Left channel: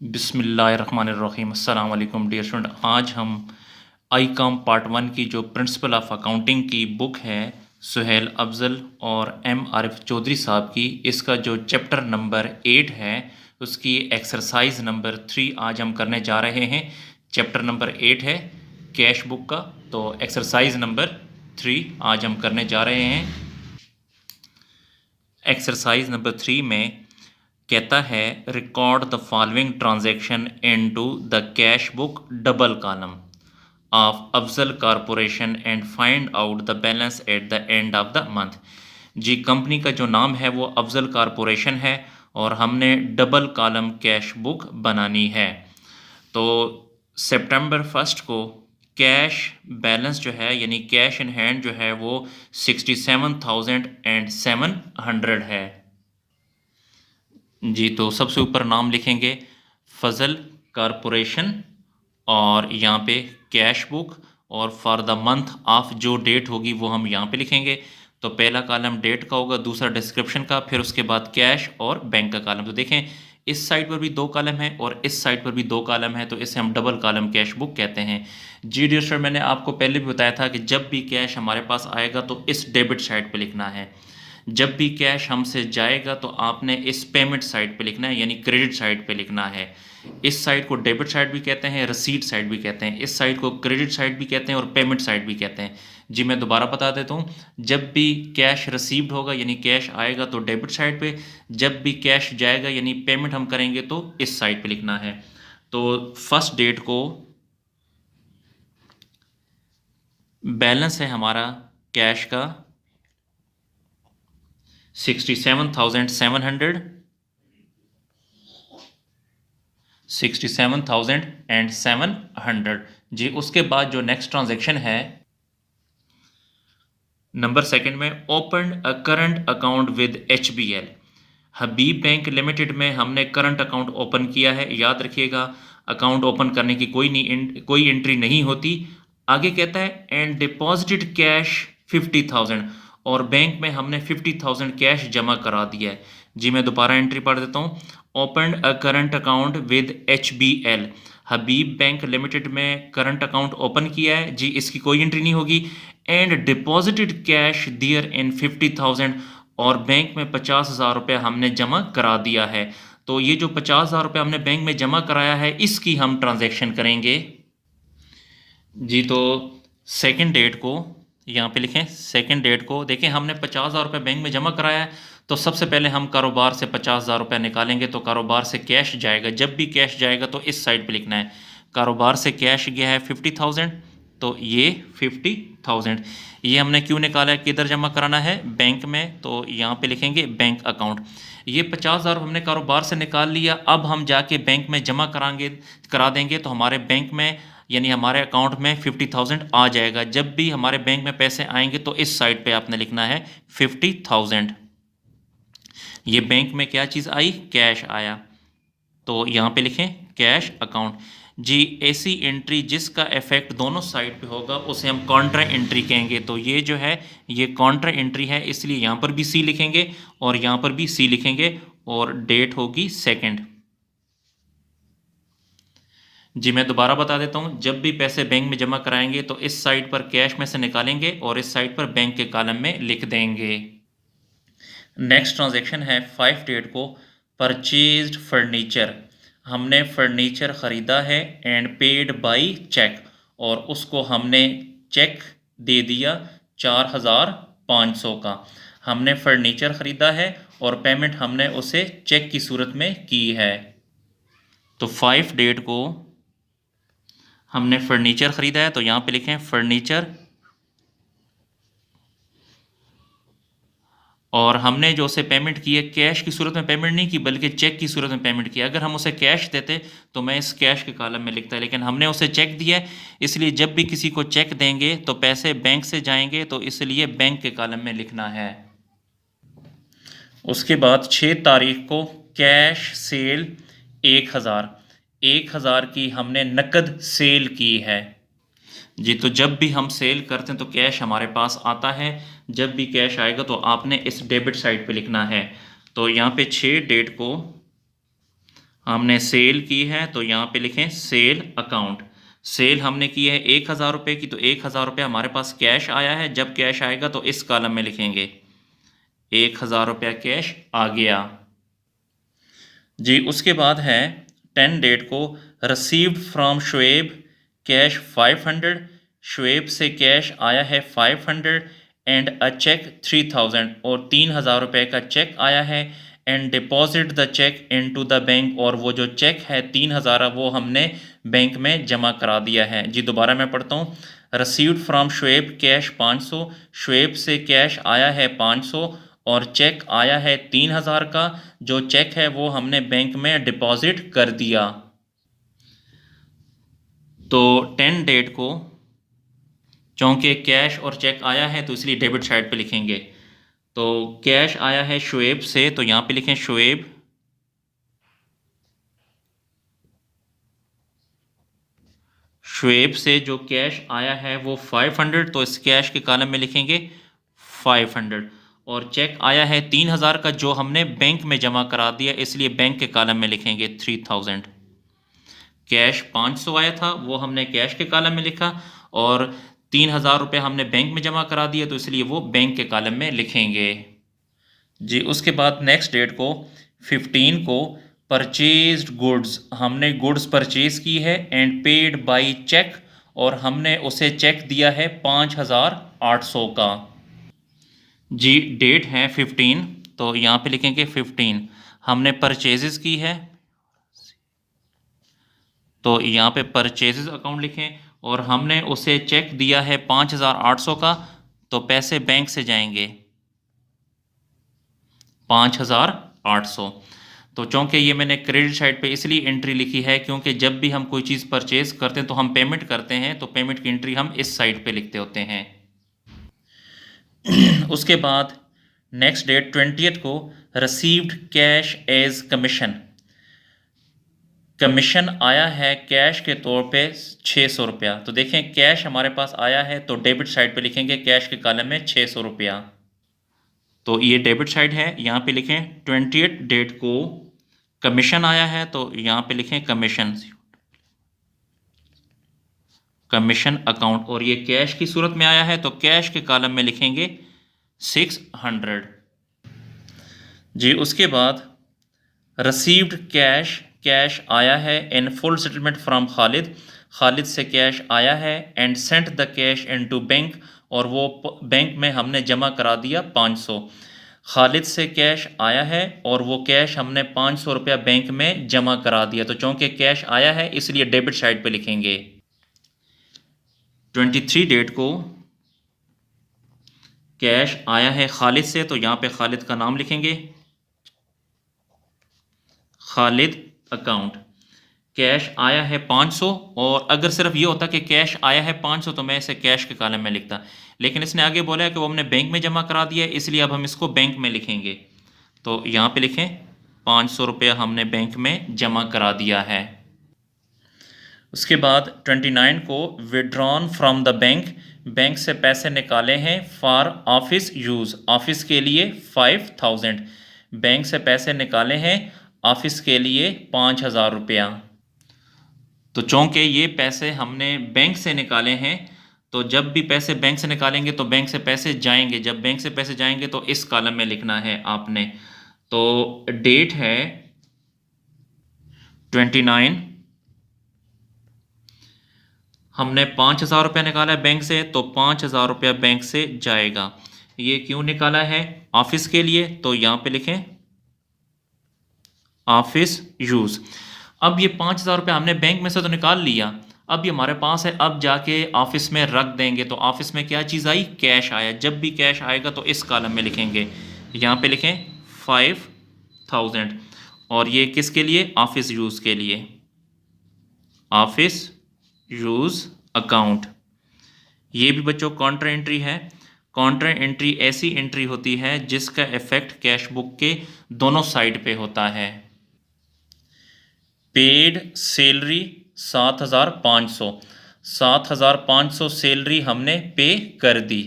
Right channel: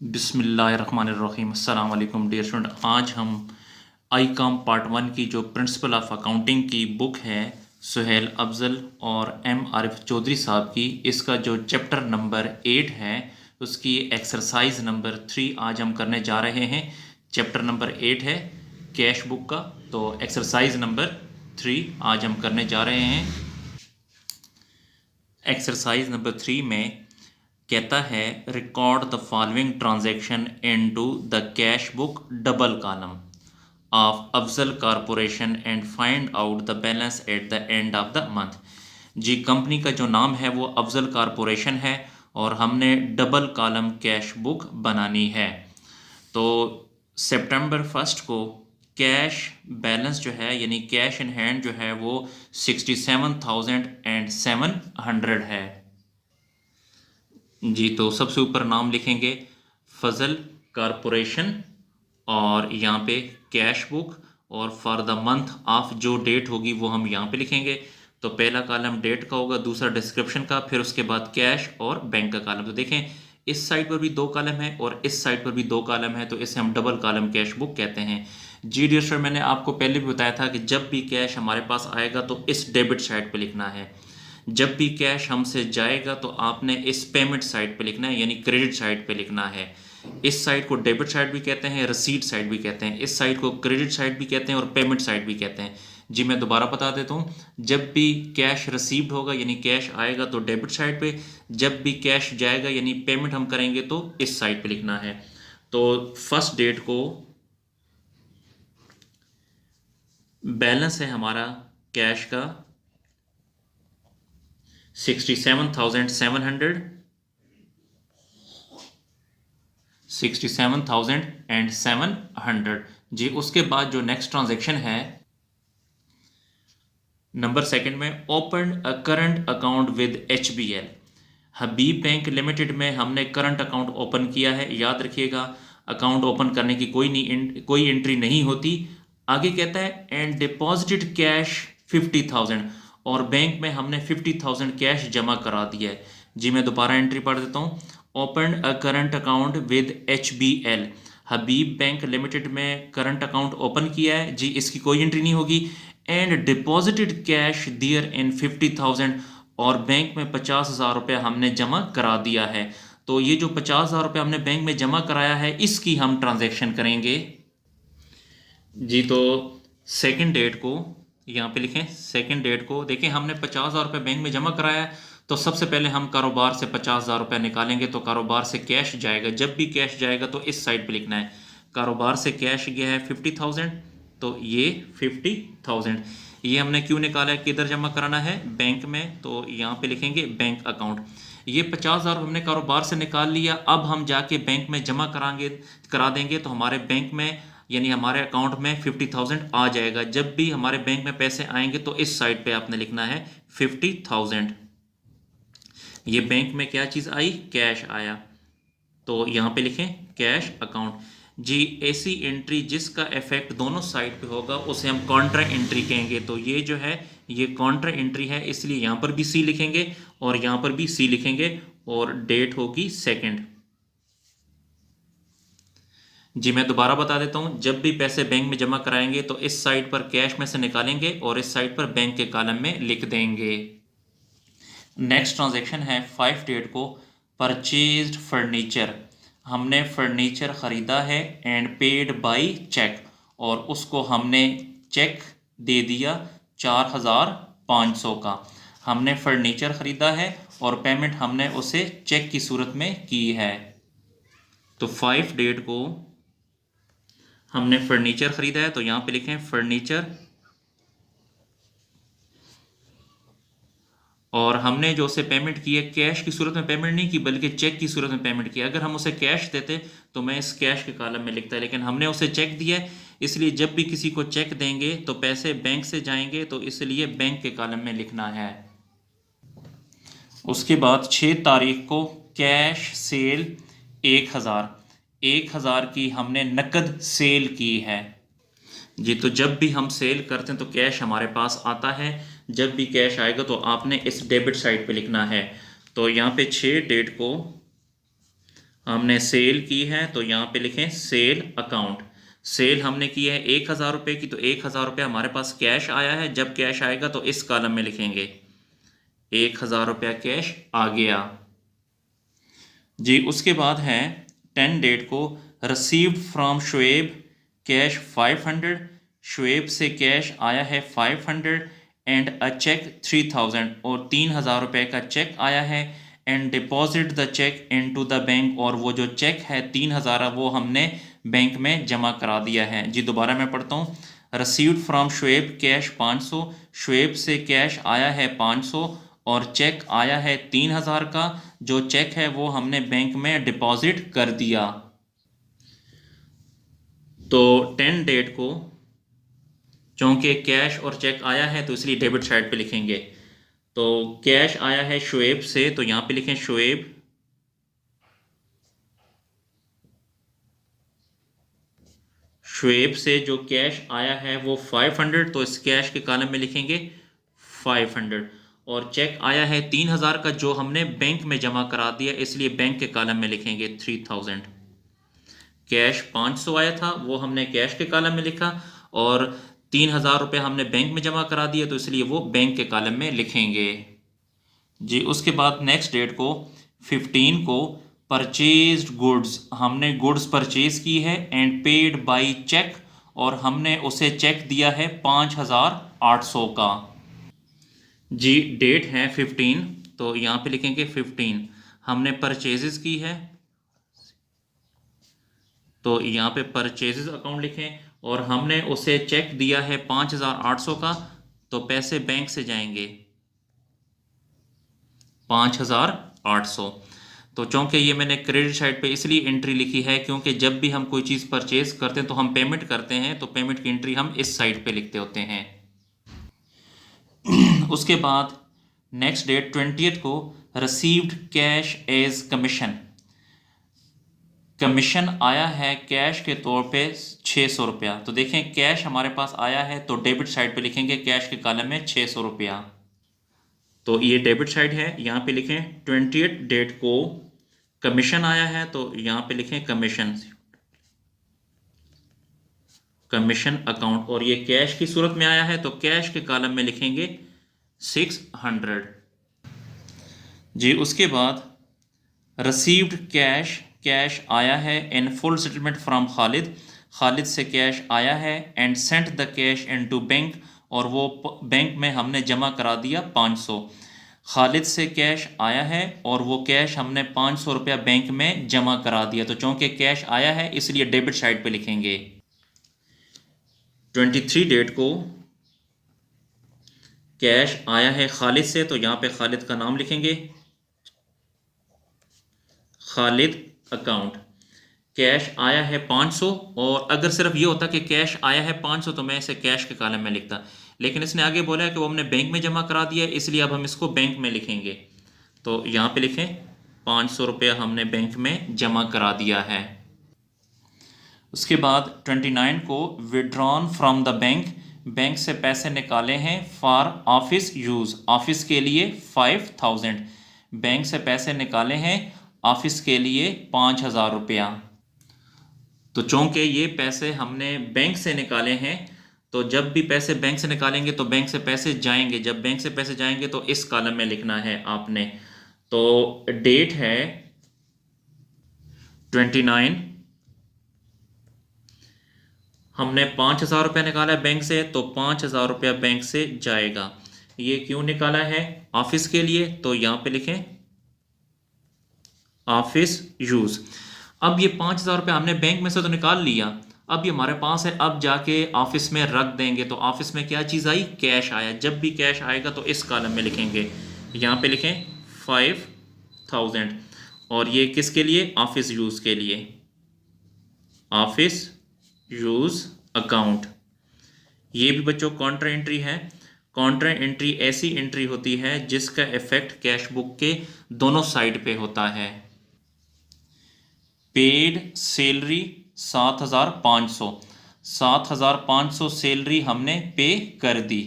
बिस्मिल्लाहिर्रहमानिर्रहीम अस्सलाम वालेकुम डियर स्टूडेंट। आज हम आई कॉम पार्ट 1 की जो प्रिंसिपल ऑफ अकाउंटिंग की बुक है सुहेल अफजल और एम आरिफ चौधरी साहब की, इसका जो चैप्टर नंबर 8 है उसकी एक्सरसाइज नंबर 3 आज हम करने जा रहे हैं। चैप्टर नंबर 8 है कैश बुक का, तो एक्सरसाइज नंबर 3 आज हम करने जा रहे हैं। एक्सरसाइज नंबर 3 में कहता है record the following transaction into the cash book double column of Afzal corporation and find out the balance at the end of the month. जी, कंपनी का जो नाम है वो अफजल कॉरपोरेशन है और हमने डबल कॉलम कैश बुक बनानी है। तो सितंबर 1 को कैश बैलेंस जो है यानी कैश इन हैंड जो है वो 67,700 है। जी, तो सबसे ऊपर नाम लिखेंगे फजल कारपोरेशन और यहाँ पे कैश बुक, और फॉर द मंथ ऑफ जो डेट होगी वो हम यहाँ पे लिखेंगे। तो पहला कॉलम डेट का होगा, दूसरा डिस्क्रिप्शन का, फिर उसके बाद कैश और बैंक का कॉलम। तो देखें इस साइड पर भी 2 कॉलम है और इस साइड पर भी 2 कॉलम है, तो इसे हम डबल कॉलम कैश बुक कहते हैं। जी डियर स्टूडेंट, मैंने आपको पहले भी बताया था कि जब भी कैश हमारे पास आएगा तो इस डेबिट साइड पे लिखना है, जब भी कैश हमसे जाएगा तो आपने इस पेमेंट साइड पे लिखना है यानी क्रेडिट साइड पे लिखना है। इस साइड को डेबिट साइड भी कहते हैं, रसीद साइड भी कहते हैं, इस साइड को क्रेडिट साइड भी कहते हैं और पेमेंट साइड भी कहते हैं। जी मैं दोबारा बता देता हूँ, जब भी कैश रिसीव्ड होगा यानी कैश आएगा तो डेबिट साइड पे, जब भी कैश जाएगा यानी पेमेंट हम करेंगे तो इस साइड पे लिखना है। तो फर्स्ट डेट को बैलेंस है हमारा कैश का 67,700, 67,700। जी उसके बाद जो नेक्स्ट ट्रांजैक्शन है नंबर सेकंड में, open a current account with HBL। Habib bank limited में हमने करंट अकाउंट ओपन किया है। याद रखिएगा अकाउंट ओपन करने की कोई एंट्री नहीं होती। आगे कहता है एंड डिपॉजिटेड कैश 50,000, और बैंक में हमने 50,000 कैश जमा करा दिया है। जी मैं दोबारा एंट्री पढ़ देता हूँ, open a current account with HBL। Habib bank limited में करंट अकाउंट ओपन किया है, जी इसकी कोई एंट्री नहीं होगी। एंड डिपॉजिटेड कैश दियर इन 50,000, और बैंक में 50,000 रुपये हमने जमा करा दिया है। तो ये जो 50,000 रुपये हमने बैंक में जमा कराया है इसकी हम ट्रांजैक्शन करेंगे। जी तो सेकंड डेट को यहाँ पे लिखें, सेकंड डेट को देखें हमने 50,000 रुपये बैंक में जमा कराया है, तो सबसे पहले हम कारोबार से 50,000 रुपये निकालेंगे। तो कारोबार से कैश जाएगा, जब भी कैश जाएगा तो इस साइड पे लिखना है। कारोबार से कैश गया है 50,000, तो ये 50,000 ये हमने क्यों निकाला है, किधर जमा कराना है, बैंक में। तो यहाँ पे लिखेंगे बैंक अकाउंट। ये 50,000 हमने कारोबार से निकाल लिया, अब हम जाके बैंक में जमा करा देंगे तो हमारे बैंक में यानी हमारे अकाउंट में 50,000 आ जाएगा। जब भी हमारे बैंक में पैसे आएंगे तो इस साइड पे आपने लिखना है 50,000। ये बैंक में क्या चीज़ आई, कैश आया, तो यहाँ पे लिखें कैश अकाउंट। जी ऐसी एंट्री जिसका इफेक्ट दोनों साइड पे होगा उसे हम कॉन्ट्रा एंट्री कहेंगे। तो ये जो है ये कॉन्ट्रा एंट्री है, इसलिए यहाँ पर भी सी लिखेंगे और यहाँ पर भी सी लिखेंगे, और डेट होगी सेकंड। जी मैं दोबारा बता देता हूँ, जब भी पैसे बैंक में जमा कराएंगे तो इस साइड पर कैश में से निकालेंगे और इस साइड पर बैंक के कॉलम में लिख देंगे। नेक्स्ट ट्रांजैक्शन है 5 डेट को, परचेज्ड फर्नीचर। हमने फर्नीचर ख़रीदा है एंड पेड बाई चेक, और उसको हमने चेक दे दिया 4,500 का। हमने फर्नीचर ख़रीदा है और पेमेंट हमने उसे चेक की सूरत में की है। तो 5 डेट को हमने फर्नीचर ख़रीदा है, तो यहाँ पे लिखें फर्नीचर, और हमने जो उसे पेमेंट की है कैश की सूरत में पेमेंट नहीं की बल्कि चेक की सूरत में पेमेंट किया। अगर हम उसे कैश देते तो मैं इस कैश के कॉलम में लिखता, लेकिन हमने उसे चेक दिया है, इसलिए जब भी किसी को चेक देंगे तो पैसे बैंक से जाएंगे, तो इसलिए बैंक के कॉलम में लिखना है। उसके बाद 6 तारीख को कैश सेल 1,000 की हमने नकद सेल की है। जी तो जब भी हम सेल करते हैं तो कैश हमारे पास आता है, जब भी कैश आएगा तो आपने इस डेबिट साइड पे लिखना है। तो यहाँ पे 6 डेट को हमने सेल की है तो यहाँ पे लिखें सेल अकाउंट। सेल हमने की है 1,000 रुपये की, तो 1,000 रुपये हमारे पास कैश आया है। जब कैश आएगा तो इस कॉलम में लिखेंगे 1,000 रुपया कैश आ गया जी। उसके बाद है 10 डेट को, received from Shoaib cash 500, Shoaib से कैश आया है 500 एंड अ चेक 3,000, और 3,000 रुपये का चेक आया है। And deposit the cheque into the bank, और वो जो चेक है 3,000 वो हमने बैंक में जमा करा दिया है जी। दोबारा मैं पढ़ता हूँ, received from Shoaib cash 500, Shoaib से कैश आया है 500 और चेक आया है 3,000 का। जो चेक है वो हमने बैंक में डिपॉजिट कर दिया। तो 10 डेट को, चूँकि कैश और चेक आया है तो इसलिए डेबिट साइड पे लिखेंगे। तो कैश आया है शुएब से, तो यहाँ पे लिखें शुएब, शुएब से जो कैश आया है वो 500, तो इस कैश के कॉलम में लिखेंगे 500। और चेक आया है 3,000 का जो हमने बैंक में जमा करा दिया, इसलिए बैंक के कॉलम में लिखेंगे 3,000। कैश 500 आया था वो हमने कैश के कॉलम में लिखा, और 3,000 रुपये हमने बैंक में जमा करा दिया, तो इसलिए वो बैंक के कॉलम में लिखेंगे जी। उसके बाद नेक्स्ट डेट को 15 को, परचेज्ड गुड्स, हमने गुड्स परचेज की है एंड पेड बाय चेक, और हमने उसे चेक दिया है 5,800 का जी। डेट है 15, तो यहाँ पे लिखेंगे 15। हमने परचेजेस की है तो यहाँ पे परचेजेस अकाउंट लिखें, और हमने उसे चेक दिया है 5,800 का, तो पैसे बैंक से जाएंगे 5,800। तो चूँकि ये मैंने क्रेडिट साइड पे इसलिए एंट्री लिखी है क्योंकि जब भी हम कोई चीज़ परचेज करते हैं तो हम पेमेंट करते हैं, तो पेमेंट की एंट्री हम इस साइड पे लिखते होते हैं। उसके बाद नेक्स्ट डेट 20th को, received cash as commission, commission आया है कैश के तौर पे 600 रुपया। तो देखें कैश हमारे पास आया है तो डेबिट साइड पे लिखेंगे कैश के कॉलम में 600 रुपया। तो ये डेबिट साइड है, यहाँ पे लिखें 20th डेट को कमीशन आया है तो यहाँ पे लिखें कमीशन, कमीशन अकाउंट, और ये कैश की सूरत में आया है तो कैश के कॉलम में लिखेंगे 600 जी। उसके बाद रिसीव्ड कैश, कैश आया है in full settlement from Khalid, Khalid से कैश आया है and sent the cash into bank, और वो बैंक में हमने जमा करा दिया 500। खालिद से कैश आया है और वो कैश हमने 500 रुपया बैंक में जमा करा दिया, तो चूँकि कैश आया है इसलिए डेबिट साइड पे लिखेंगे। 23 डेट को कैश आया है खालिद से, तो यहाँ पे खालिद का नाम लिखेंगे खालिद अकाउंट। कैश आया है 500, और अगर सिर्फ ये होता कि कैश आया है 500 तो मैं इसे कैश के कॉलम में लिखता, लेकिन इसने आगे बोला है कि वो हमने बैंक में जमा करा दिया है, इसलिए अब हम इसको बैंक में लिखेंगे। तो यहाँ पे लिखें 500 रुपया हमने बैंक में जमा करा दिया है। उसके बाद 29 को, withdrawn from the bank, bank से पैसे निकाले हैं फॉर ऑफिस यूज़, ऑफिस के लिए 5,000, बैंक से पैसे निकाले हैं ऑफिस के लिए 5,000 रुपया। तो चूँकि ये पैसे हमने बैंक से निकाले हैं, तो जब भी पैसे बैंक से निकालेंगे तो बैंक से पैसे जाएंगे, जब बैंक से पैसे जाएंगे तो इस कॉलम में लिखना है आपने। तो डेट है 29, हमने 5,000 रुपया निकाला है बैंक से, तो 5,000 रुपया बैंक से जाएगा। ये क्यों निकाला है? ऑफिस के लिए, तो यहाँ पे लिखें ऑफिस यूज़। अब ये 5,000 रुपया हमने बैंक में से तो निकाल लिया, अब ये हमारे पास है, अब जाके ऑफिस में रख देंगे, तो ऑफिस में क्या चीज़ आई? कैश आया। जब भी कैश आएगा तो इस कॉलम में लिखेंगे, यहाँ पे लिखें 5,000, और ये किसके लिए? ऑफिस यूज़ के लिए, ऑफिस यूज़ अकाउंट। ये भी बच्चों काउंटर एंट्री है। काउंटर एंट्री ऐसी एंट्री होती है जिसका इफेक्ट कैश बुक के दोनों साइड पे होता है। पेड सैलरी 7,500, 7,500 सैलरी हमने पे कर दी,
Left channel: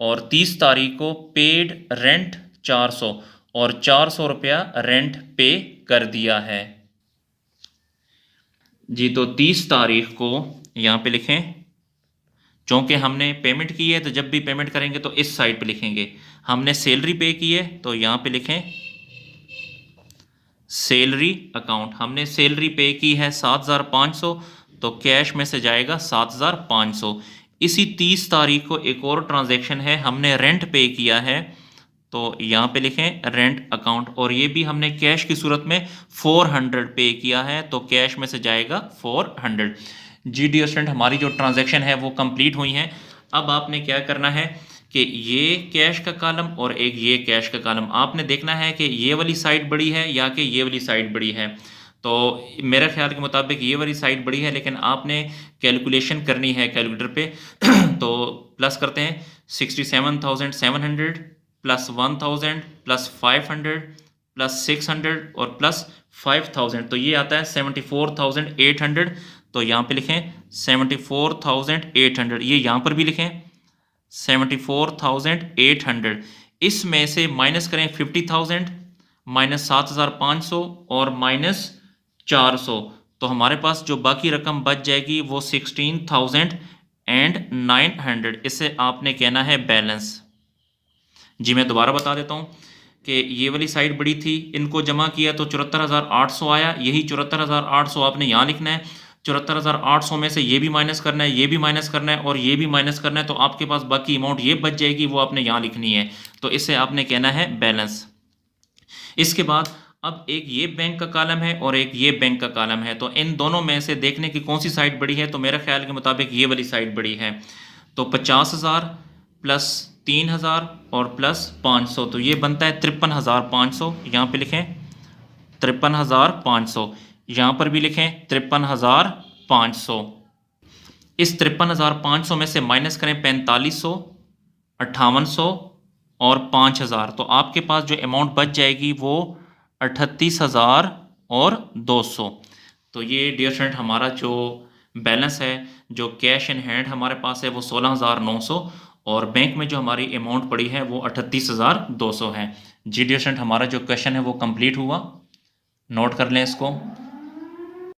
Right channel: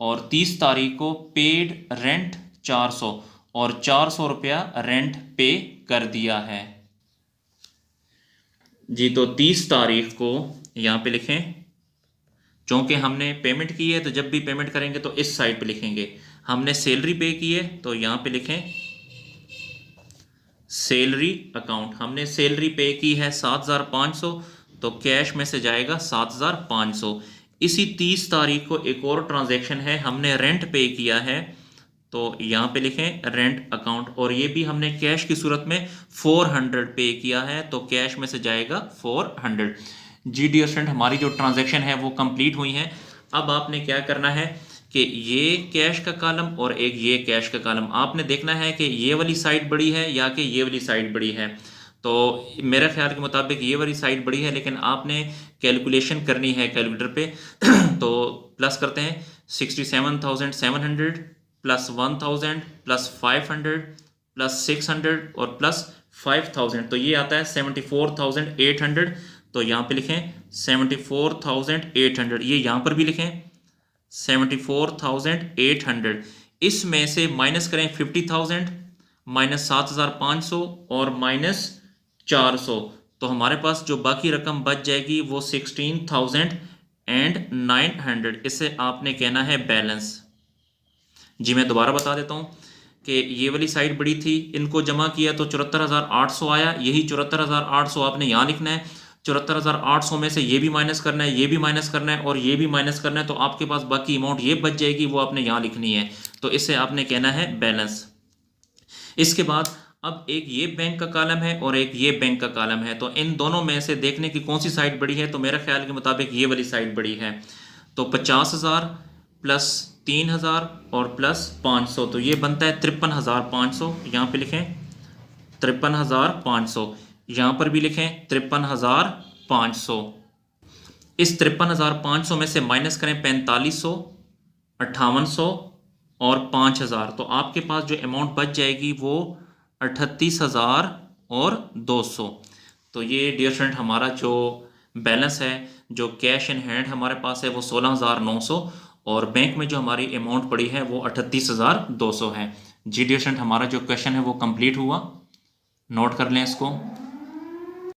और 30 तारीख को पेड रेंट 400, और 400 रुपया रेंट पे कर दिया है। जी तो 30 तारीख को यहाँ पे लिखें, चूँकि हमने पेमेंट की है तो जब भी पेमेंट करेंगे तो इस साइड पे लिखेंगे। हमने सैलरी पे की है तो यहाँ पे लिखें सैलरी अकाउंट। हमने सैलरी पे की है 7,500, तो कैश में से जाएगा 7,500। इसी 30 तारीख को एक और ट्रांजैक्शन है, हमने रेंट पे किया है, तो यहाँ पे लिखें रेंट अकाउंट, और ये भी हमने कैश की सूरत में 400 पे किया है, तो कैश में से जाएगा 400। जी डियर स्टूडेंट, हमारी जो ट्रांजैक्शन है वो कंप्लीट हुई है। अब आपने क्या करना है कि ये कैश का कॉलम और एक ये कैश का कॉलम, आपने देखना है कि ये वाली साइड बड़ी है या कि ये वाली साइड बड़ी है। तो मेरे ख्याल के मुताबिक ये वाली साइड बड़ी है, लेकिन आपने कैलकुलेशन करनी है कैलकुलेटर पे। तो प्लस करते हैं 67,700 प्लस 1,000 प्लस 500 प्लस 600 और प्लस 5,000, तो ये आता है 74,800। तो यहाँ पे लिखें 74,800, ये यहाँ पर भी लिखें 74,800। इसमें से माइनस करें 50,000, माइनस 7,500 और माइनस 400, तो हमारे पास जो बाकी रकम बच जाएगी वो 16,900। इससे आपने कहना है बैलेंस। जी मैं दोबारा बता देता हूँ कि ये वाली साइड बड़ी थी, इनको जमा किया तो 74,800 आया, यही 74,800 आपने यहाँ लिखना है। 74,800 में से ये भी माइनस करना है, ये भी माइनस करना है और ये भी माइनस करना है, तो आपके पास बाकी अमाउंट ये बच जाएगी, वो आपने यहाँ लिखनी है। तो इससे आपने कहना है बैलेंस। इसके बाद अब एक ये बैंक का कॉलम है और एक ये बैंक का कॉलम है, तो इन दोनों में से देखने की कौन सी साइड बड़ी है, तो मेरे ख्याल के मुताबिक ये वाली साइड बड़ी है। तो 50,000 प्लस 3,000 और प्लस 500, तो ये बनता है 53,500। यहाँ पे लिखें 53,500, यहाँ पर भी लिखें 53,500। इस 53,500 में से माइनस करें 4500, 5800 और 5,000, तो आपके पास जो अमाउंट बच जाएगी वो 38,000 और 200। तो ये डियर स्टूडेंट हमारा जो बैलेंस है, जो कैश इन हैंड हमारे पास है वो 16,900, और बैंक में जो हमारी अमाउंट पड़ी है वो 38,200 है। जी डियर स्टूडेंट, हमारा जो क्वेश्चन है वो कंप्लीट हुआ, नोट कर लें इसको।